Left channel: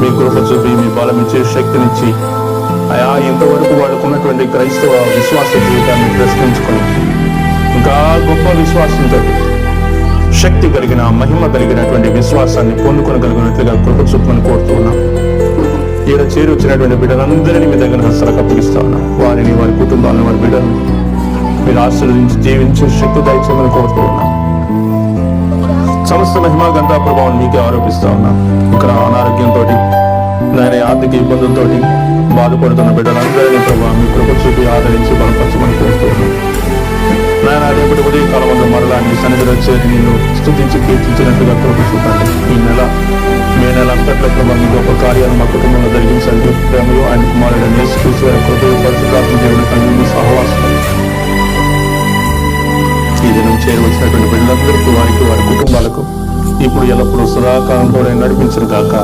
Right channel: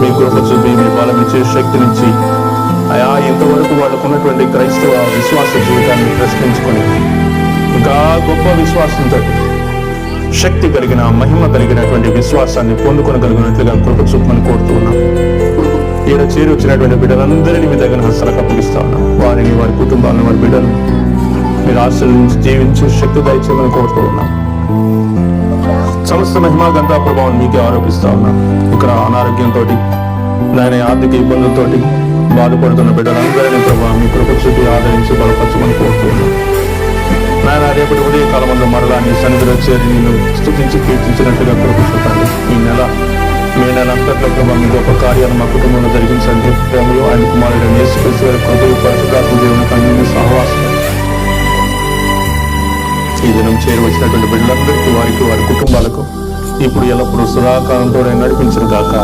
మీ కృప చూపి మీ బలం ఇచ్చే శక్తినిచ్చి అయా ఇంతవరకు వాళ్ళకు ఉన్నటువంటి క్రైస్తవ విశ్వాస జీవితాన్ని ప్రశ్నించుకొని ఇంకా గొప్ప విశ్వాసంతో శక్తి కలిగిన మహిమ కలిగినటువంటి విశ్వాసాన్ని పొందుకొనగలిగినట్లుగా కృప చూపమని కోరుతూ ఉన్నాం. ఈడ చేరి వచ్చినటువంటి బిడ్డలందరినీ మీ దగ్గర హస్తలకు అప్పగిస్తా ఉన్నాం. వారిని, వారి కుటుంబాలను, వారి బిడ్డలను మీరు ఆశీర్వదించి జీవించే శక్తి దయచేయమని కోరుతూ ఉన్నాం. సమస్త మహిమా గంధ ప్రభావం మీకే ఆరోపిస్తా ఉన్నాం. ఇక్కడ అనారోగ్యంతో, నాయన ఆర్థిక ఇబ్బందులతో బాధపడుతున్న బిడ్డలందరినీ ప్రభావం మీ కృప చూపి ఆదరించి బలపరచమని కోరుతూ ఉన్నాం. నాయన రేపటి ఉదయ కాలంలో మరలా నీ సన్నిధిలో చేరి నేను స్తుతించి కీర్తించినట్టుగా కృప చూపండి. ఈ మే నెల అంతట్లో ప్రభావం మీ గొప్ప కార్యాలు మా కుటుంబంలో జరిగించండి. ప్రేమలో ఆయన కుమారుడు యేసుక్రీస్తు వారి కృపయు పరిశుద్ధాత్మ దేవునికి అన్ని సహవాసం ఈ దినం చేరి వచ్చినటువంటి బిడ్డలందరికీ, వారికి, వారి కుటుంబాలకు ఇప్పుడు ఎల్లప్పుడూ సదాకాలంతో నడిపించను గాక.